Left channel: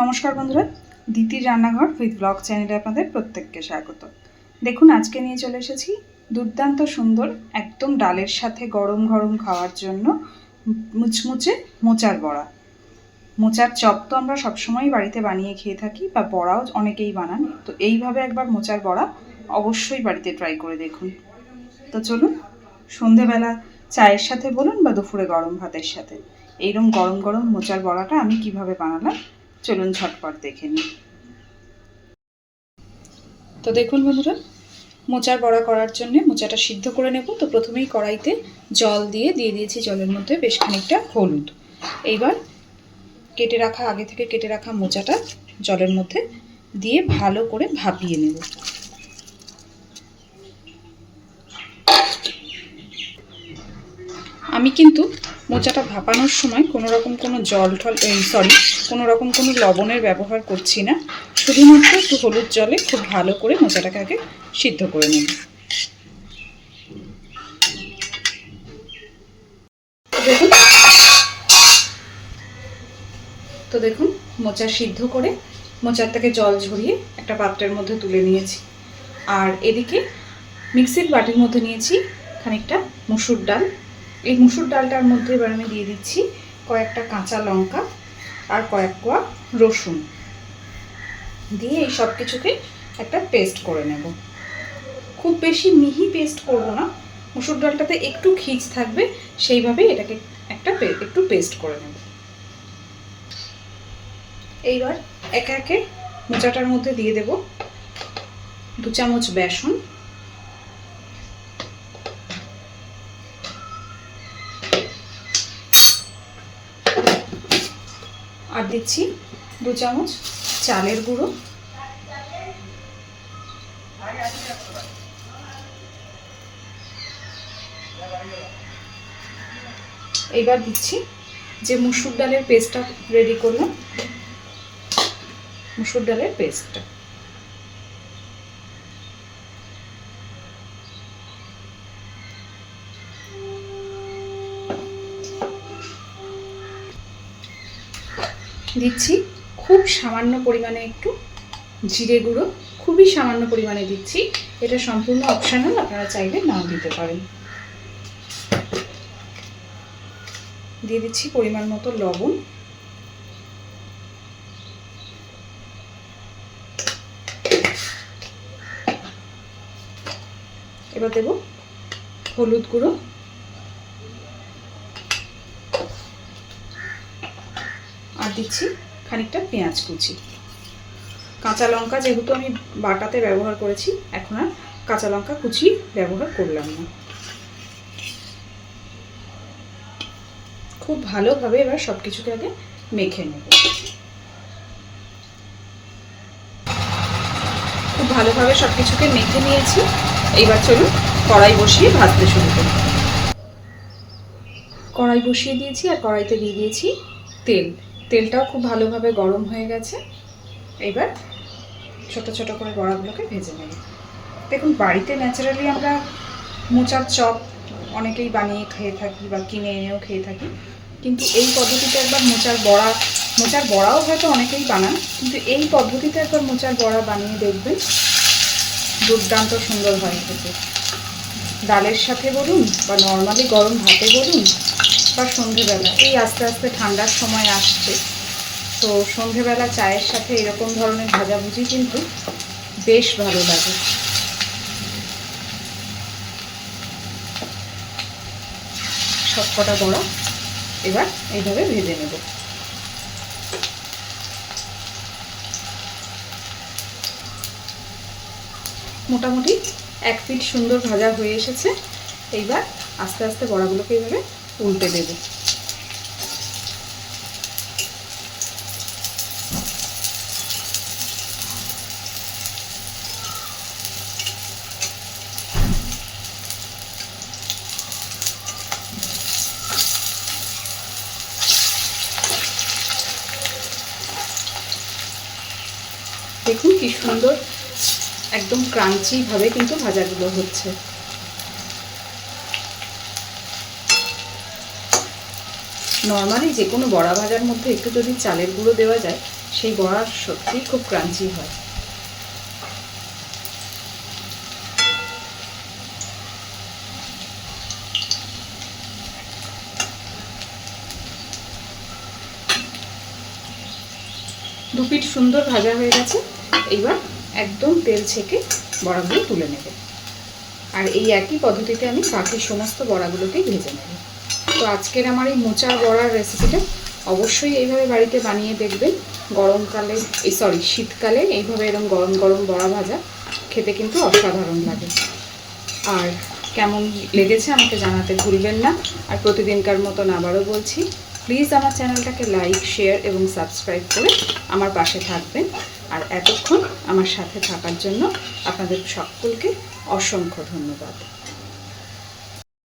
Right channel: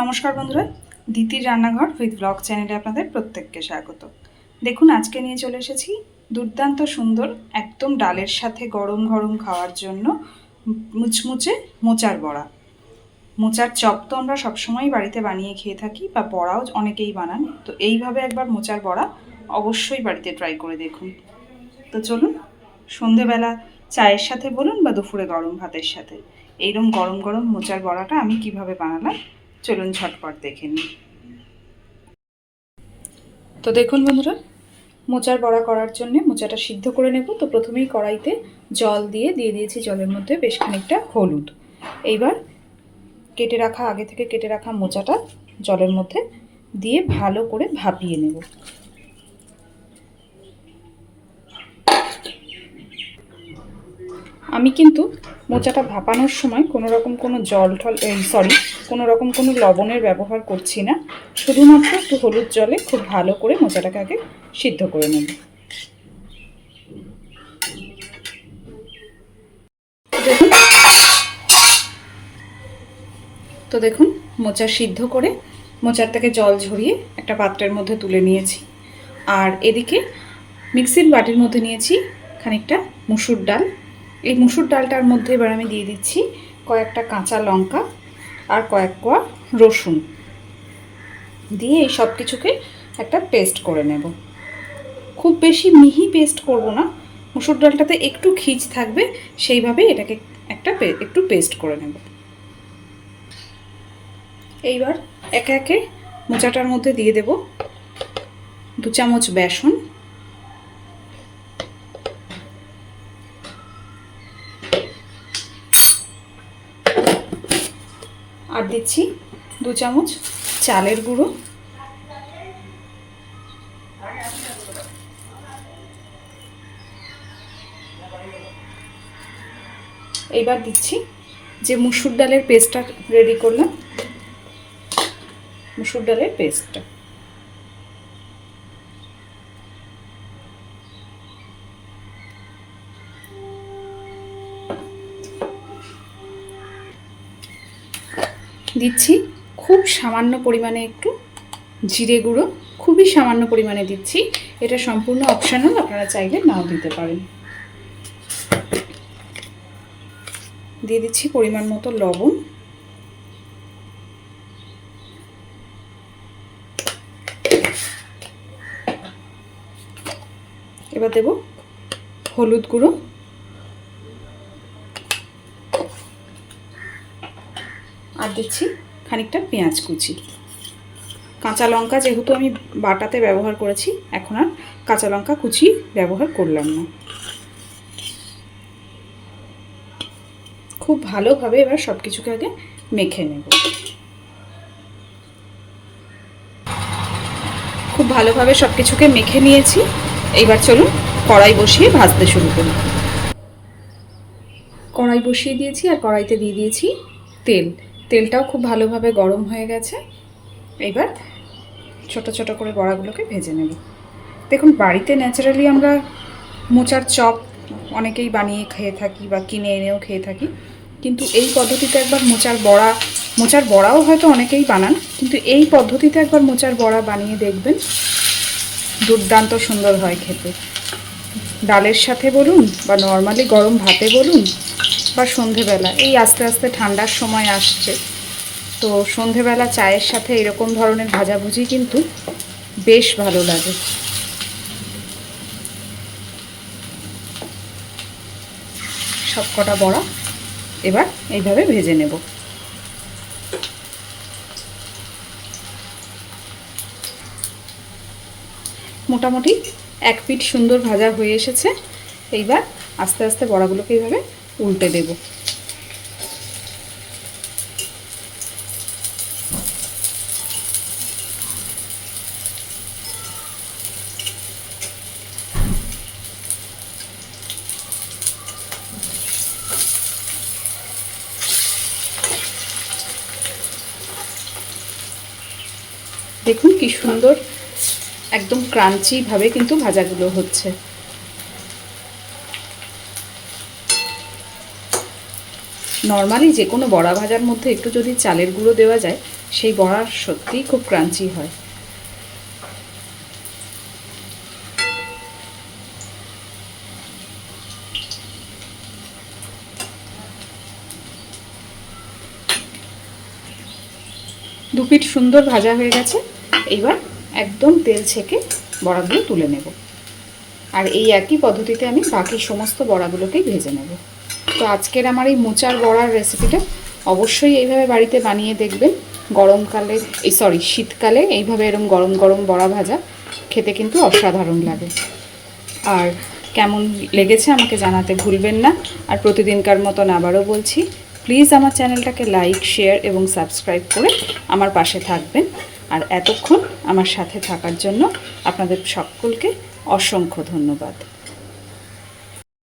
নমস্কার বন্ধুরা, দিতির রান্নাঘর উইথ ব্লগ চ্যানেলে আপনাদের প্রত্যেককে স্বাগত। দেখুন, আজকে নিয়ে চলে এসেছি দুর্দান্ত সুন্দর একদম ডালের সাথে গরম গরম খাওয়ার জন্য মুচমুচে মোচার বড়া। মোচার চপ তো আমরা সবসময় বাড়িতে বানিয়ে খেয়ে থাকি, বা বড়াও অনেকেই বানান। তো এইভাবে একবার মোচার বড়া অবশ্যই বাড়িতে ট্রাই করে দেখুন। তো চলুন, সন্ধেবেলা চায়ের সাথে বলুন বা দুপুরে গরম ভাতের সাথে এইরকম গরম গরম মোচার বড়াটা আমি কিভাবে বানালাম চলুন ঝটপট দেখে নিই। তো দেখুন বন্ধুরা, মোচার বড়া করার জন্য মোচাটা সিদ্ধ করে নেব। তো প্রথমেই কড়াইতে জল দিয়ে দিয়েছি জলের মধ্যে বেশ খানিকটা হলুদ। এইবার আগে থেকে কেটে রাখা মোচাটা জলের মধ্যে দিয়ে ভালো করে ভাপিয়ে নেব। আমি কিন্তু মোচাটা ভাপানোর সময় কোনো রকম কোনো কোনো লবণের ব্যবহার করছি না। শুধুমাত্র একটু হলুদ জলে খুব ভালো করে মোচাটাকে আগে সিদ্ধ করে নেব। তো দেখুন, মোচা সিদ্ধ করে মোচার থেকে জল ঝরিয়ে একটা পাত্রের মধ্যে তুলে নিয়েছি। আর এদিকে মিক্সির বাটির মধ্যে নিয়েছি খানিকটা মুসুর ডাল। এই মুসুর ডালটার মধ্যে এবার আমি দিয়ে দিচ্ছি কয়েকটা কাঁচা লঙ্কা আর কয়েক কোয়া রসুন দিয়ে এই সব কিছুকে একটা পেস্ট করে নেব। খুব বেশি মিহি পেস্ট করব না, মুসুর ডালটাতে একটু খিচ থাকবে, সেইভাবে এটাকে একটু পেস্ট করে নেব। এইবার একে একে মোচাটার মধ্যে দিয়ে দেব 2 চামচ বেসন, আর দিচ্ছি 2 চামচ চালের গুঁড়ো, এবার দিচ্ছি যে মুসুর ডালের পেস্টটা রেডি করলাম, মুসুর ডালের পেস্টটা। দিচ্ছি খুব সামান্য পরিমাণে একটু জিরে গুঁড়ো, খুবই সামান্য পরিমাণে দিচ্ছি। এটা সম্পূর্ণ অপশনাল, আপনারা চাইলে নাও দিতে পারেন। দিয়ে দিচ্ছি পরিমাণ মতো লবণ, এবার দেব হলুদ গুঁড়ো, আর দিচ্ছি খানিকটা পেঁয়াজ কুচি। কাঁচা লঙ্কা যেহেতু আমি বাটাতে ব্যবহার করেছি, এখন আর কাঁচা লঙ্কা কুচি ব্যবহার করলাম না। খুব ভালোভাবে এবার সব কিছুকে আগে মেখে নেব। খুব ভালোভাবে সব কিছুকে মেখে নিয়েছি। এইবার চলুন কড়াই বসিয়ে ভাজতে শুরু করি। কড়াই বসিয়ে দিয়েছি আর কড়াইতে দিয়ে দিয়েছি তেল। তেলটাও খুব ভালোভাবে গরম হয়ে গেছে। এইবার ছোট ছোট করে বড়াগুলোকে ভেজে নেব। দেখুন, বাড়িতে ন্যাচারালি আমরা মোচার চপ অনেকেই বানিয়ে খেয়ে থাকি বা কিনে এনেও খেয়ে থাকি, কিন্তু এই পদ্ধতিতে একবার মোচার বড়াও হয়তো অনেকেই বানান, কিন্তু এই পদ্ধতিতে একবার মোচার বড়া বানিয়ে দেখবেন, দুর্দান্ত সুন্দর হয় খেতে। ডালের সাথে বলুন বা নর্মালি গরম ভাতে বলুন, বা সন্ধেবেলা, এই আস্তে আস্তে ঠান্ডার সময় আসছে, তো সন্ধেবেলা চায়ের সাথে এরকম ধরনের ভাজাভুজি কিন্তু বেশ ভালো লাগে। সবকটা বড়া এবার এইভাবে ভেজে নেব। মোটামুটি 1 পিঠ সুন্দর ভাজা হয়ে এসেছে। এইবার আস্তে আস্তে বড়াগুলোকে এইভাবে উল্টে দেব। দেখুন কি সুন্দর একদম ক্রাঞ্চি ভাবে কিন্তু ভাজাগুলো হচ্ছে। নর্মালি যে কোনো বড়া ভাজার মধ্যে একটু যদি চালের গুঁড়ো দেওয়া যায়, সেই বড়া সত্যিই খুব ক্রাঞ্চি হয়। দু পিঠ সুন্দর ভাজা হয়ে গেছে। এইবার একদম তেল ছেঁকে বড়াগুলো তুলে নেব। আর এই একই পদ্ধতিতে আমি বাকি সমস্ত বড়াগুলোকেই ভেজে নেব। তো আজকের আমার এই মোচার বড়ার রেসিপিটা অবশ্যই এইভাবে বাড়িতে বানিয়ে দেখবেন। গরমকালে শীতকালে এইভাবে এরকম গরম গরম বড়া ভাজা খেতে কিন্তু অসাধারণ লাগে। আর কেমন লেগেছে আমাকে জানাতে ভুলবেন না। আর প্রতিদিনকার মতন আবারও বলছি, প্লিজ আমার চ্যানেলটাকে লাইক, শেয়ার এবং সাবস্ক্রাইব করে আমার পাশে থাকবেন। আর এতক্ষণ আমার সাথে থাকার জন্য আপনাদের সকলকে অসংখ্য ধন্যবাদ।